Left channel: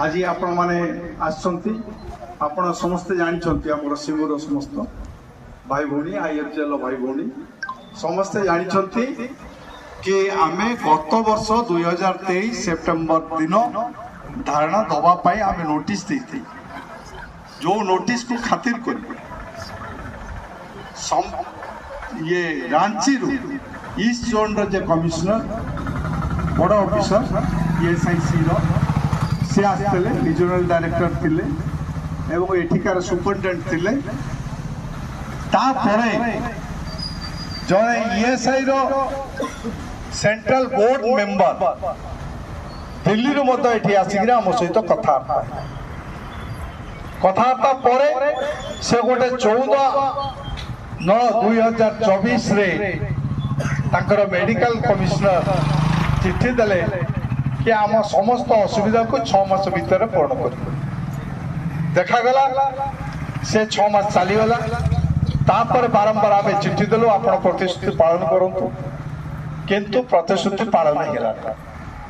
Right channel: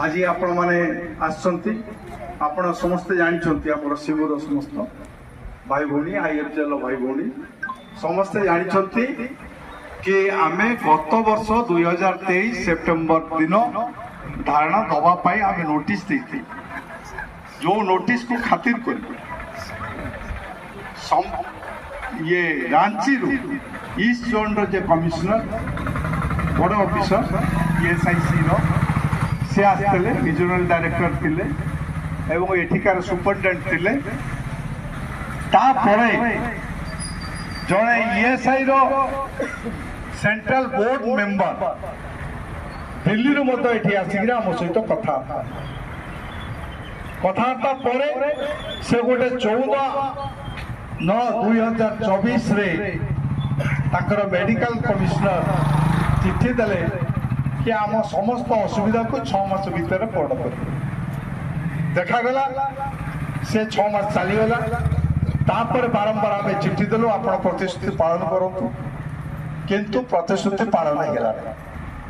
आज आपण माने आसचंती आपण समस्ते जानछंती हमर सिमर समस्त भाई भौणी आईएफजेल भाई भौणी समस्ते जानछंती कि आमे गत वर्ष 2023 सेप्टेम्बर दिन धारणा दबा पाई आमे नोटिस देती जो नोटिस को खातिर कर ये रांची ईस्ट जोन रो जे कमिश्नर बड़ ऑफिसर एसआईसी रो से आसते रिजनल डायरेक्टर थिले एवं एठिकार सुपरिटेडेंट थिले तापरे जड़े ईएसआई रो सेंट्रल बोर्ड मेंबर दिल्ली रो मत एठी आसिरा हम सहित कथार्ता परे से गोटे 14/9/2024 रे ताकर मेडिकल कमिश्नर चिट्ठी देले कि आम समस्त असुविधा को 6 मास भीतर पूर्ण कर देखागला से 6 मास चलीगला तापर बारंबार आम चिट्ठी देलु आप प्रतिश्रुति पालन करूँ किंतु प्रतिश्रुति पालन नहीं